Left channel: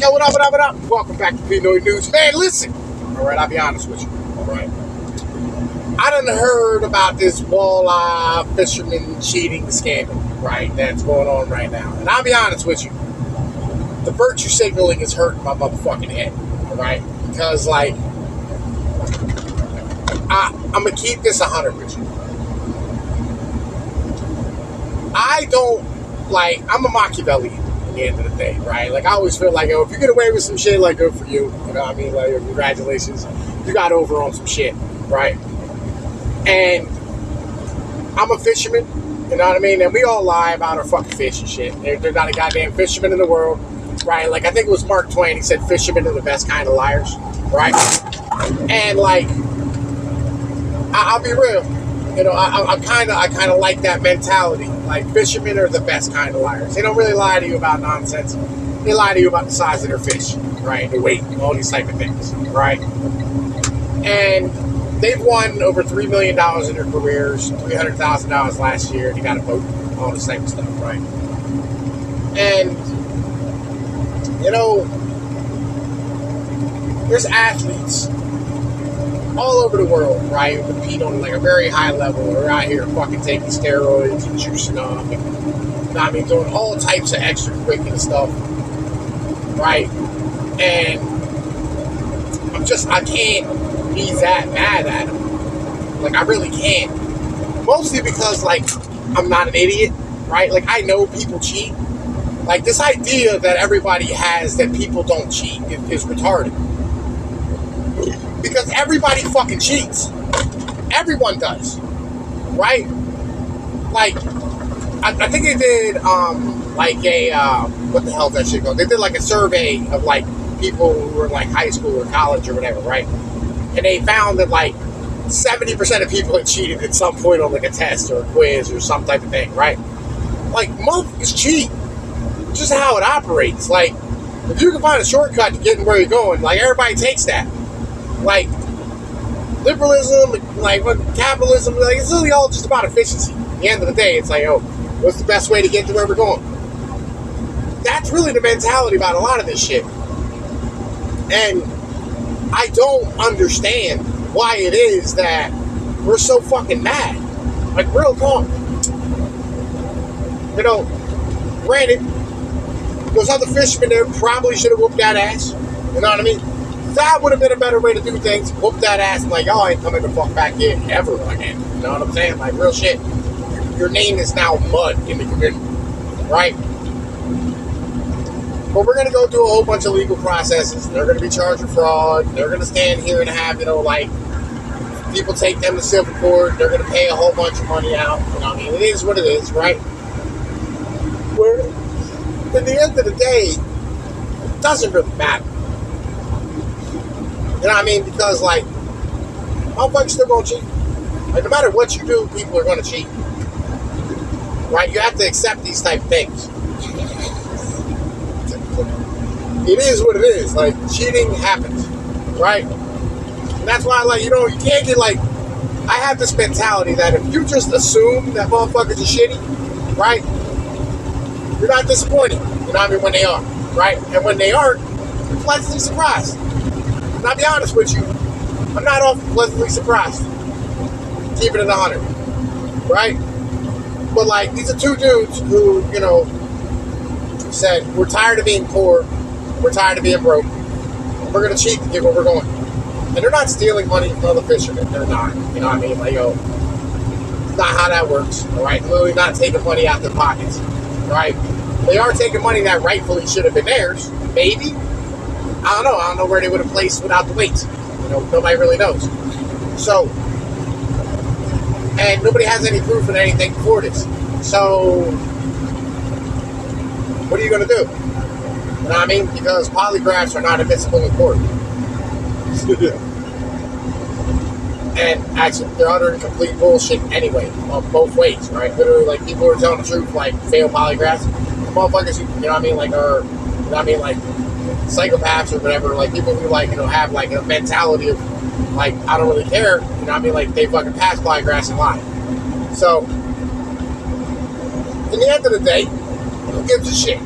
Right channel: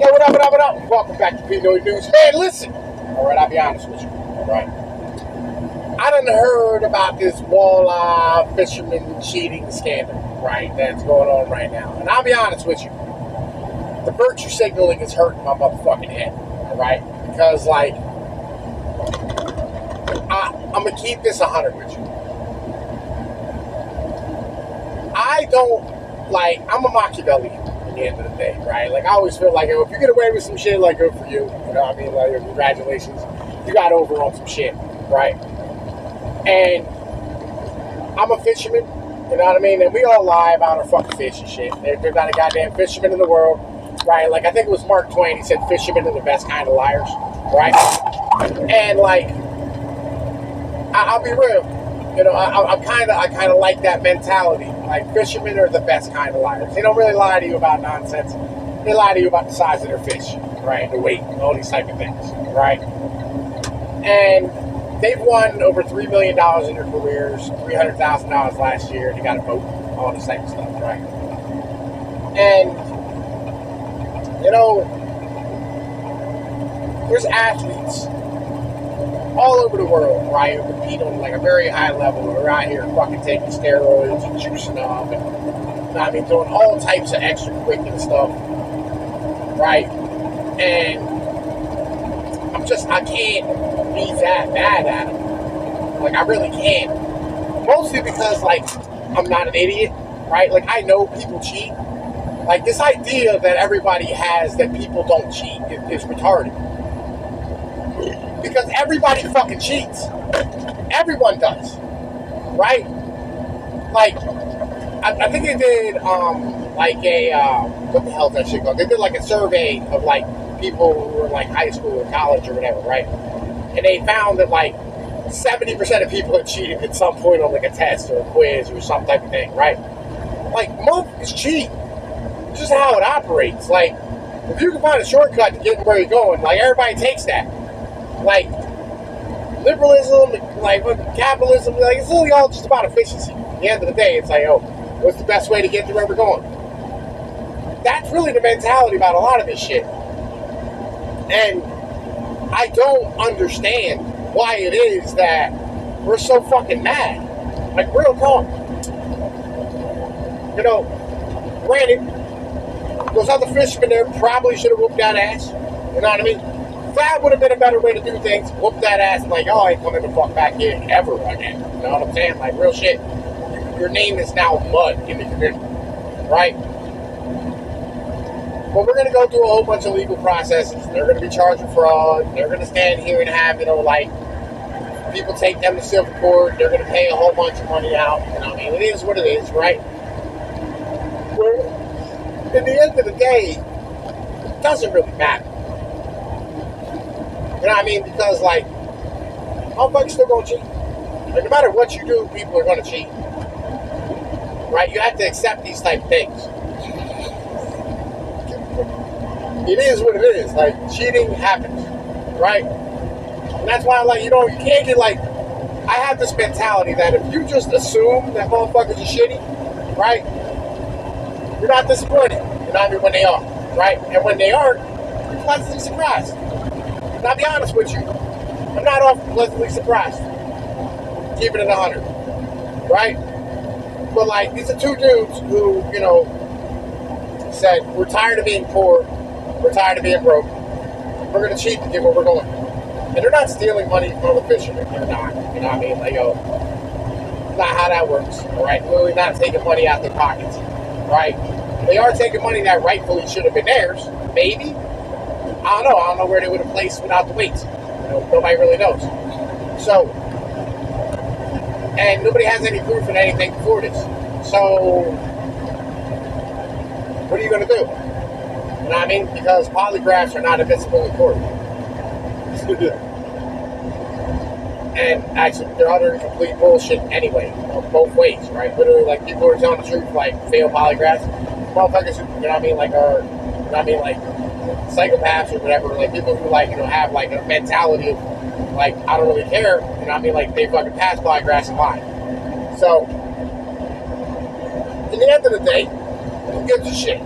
Yo, what up, what up, what up? Welcome back to Pinoy News. Man, listen. All right, I'll be honest with you. All right. I done heard about this walleye fisherman cheating scandal, right, that's going on right now. And I'll be honest with you. The virtue signaling is hurting my motherfucking head, right? Because, like, I'm going to keep this 100 with you. I don't, like, I'm a Machiavellian at the end of the day, right? Like, I always feel like, yo, if you get away with some shit, like, good for you. You know what I mean? Like, congratulations. You got over on some shit, right? And I'm a fisherman, you know what I mean? And we all lie about our fucking fish and shit. They're not a goddamn fisherman in the world, right? Like, I think it was Mark Twain, he said fishermen are the best kind of liars, right? And, like, I'll be real. You know, I kind of like that mentality. Like, fishermen are the best kind of liars. They don't really lie to you about nonsense. They lie to you about the size of their fish, right? The weight, all these type of things, right? And they've won over $3 million in their careers, $300,000 last year. They got a boat, all this type of stuff, right? And, you know, there's athletes all over the world, right, who compete on like a very high level. They're out here fucking taking steroids and juicing up and, you know, I mean, doing all types of extracurricular stuff, right? And I can't be that bad at them. Like, I really can't. Mostly because, like, I'm not an idiot, right? Like, I know people cheat. Like, this idea that everybody has that people don't cheat is retarded. Because everybody fucking cheats. Everyone does. Right? Like, I think they did, like what the hell is that shit called? They did, like, a survey of, like, people who were in, like, high school or college or whatever, right? And they found that, like, 70% of people had cheated at some point on, like, a test or a quiz or some type of thing, right? Like, motherfuckers cheat. It's just how it operates. Like, if you can find a shortcut to getting where you're going, like, everybody takes that. Like, liberalism, like, capitalism, like, it's really all just about efficiency. At the end of the day, it's like, oh, what's the best way to get to where we're going? That's really the mentality about a lot of this shit. And I don't understand why it is that we're so fucking mad. Like, real talk. You know, granted, those other fishermen there probably should have whooped that ass. You know what I mean? That would have been a better way to do things. Whoop that ass and like, y'all ain't coming the fuck back in ever again. You know what I'm saying? Like, real shit. Your name is now mud in the community. Right? But we're going to go through a whole bunch of legal processes. They're going to be charged with fraud. They're going to stand here and have, you know, like, people take them to civil court. They're going to pay a whole bunch of money out. You know what I mean? It is what it is, right? Where, at the end of the day, it doesn't really matter. You know what I mean? Because, like, motherfuckers still gonna cheat. And no matter what you do, people are gonna cheat. Right? You have to accept these type of things. It is what it is. Like, cheating happens. Right? And that's why, like, you know, you can't get, like, I have this mentality that if you just assume that motherfuckers are shitty, right? You're not disappointed. You know what I mean? When they are. Right? And when they aren't, you're pleasantly surprised. And I'll be honest with you, I'm not often pleasantly surprised. Keeping it 100. Right? But, like, these are two dudes who, you know, said, we're tired of being poor. We're tired of being broke. We're going to cheat to get where we're going. And they're not stealing money from other fishermen. They're not. You know what I mean? Like, yo, it's not how that works. Right? Literally not taking money out their pockets. Right? They are taking money that rightfully should have been theirs. Maybe. I don't know where they would have placed without the weights. You know, nobody really knows. So, and nobody has any proof of anything for this. So, what are you going to do? You know what I mean? Because polygraphs are not admissible in court. And actually, they're utter complete bullshit anyway, on both ways, right? Literally, like, people who are telling the truth, like, fail polygraphs. Motherfuckers who, you know what I mean, like, are, you know what I mean, like, psychopaths or whatever, like, people who, like, you know, have, like, a mentality of, like, I don't really care, you know what I mean, like, they fucking pass polygraphs and lie. So, in the end of the day, who gives a shit?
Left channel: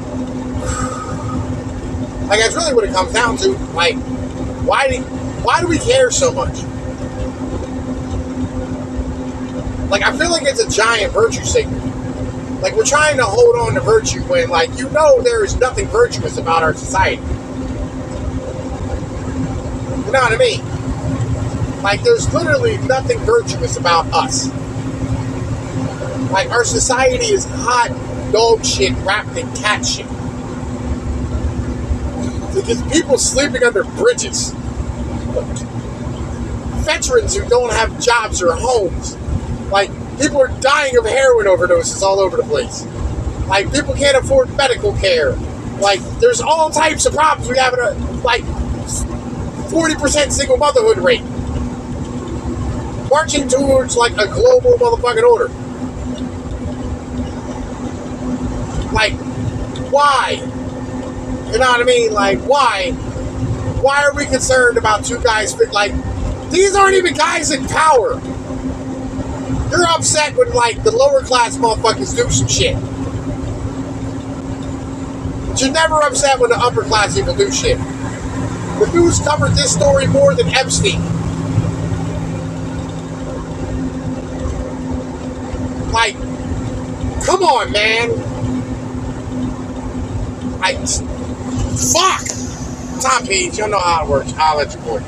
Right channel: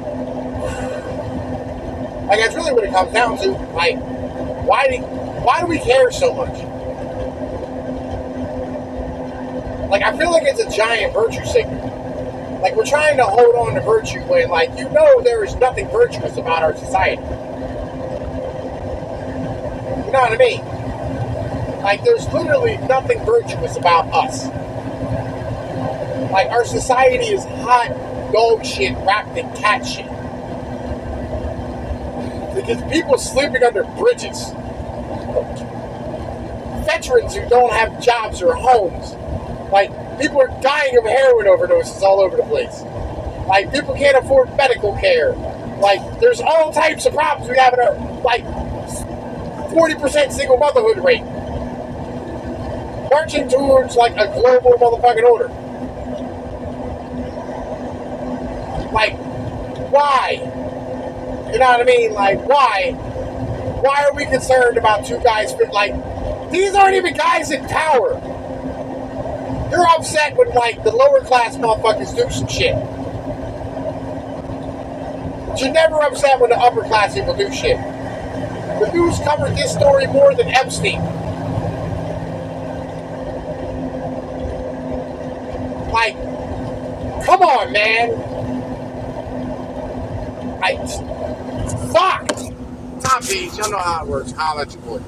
Like, that's really what it comes down to. Like, why do we care so much? Like, I feel like it's a giant virtue signal. Like, we're trying to hold on to virtue when, like, you know there is nothing virtuous about our society. You know what I mean? Like, there's literally nothing virtuous about us. Like, our society is hot dog shit wrapped in cat shit. Because people sleeping under bridges. Veterans who don't have jobs or homes. Like, people are dying of heroin overdoses all over the place. Like, people can't afford medical care. Like, there's all types of problems. We have a, like, 40% single motherhood rate. Marching towards, like, a global motherfucking order. Like, why? You know what I mean? Like, why? Why are we concerned about two guys? Like, these aren't even guys in power. You're upset when, like, the lower class motherfuckers do some shit. But you're never upset when the upper class people do shit. The news covered this story more than Epstein. Like, come on, man. Fuck! Tom Page, y'all know how it works. I'll let you boy.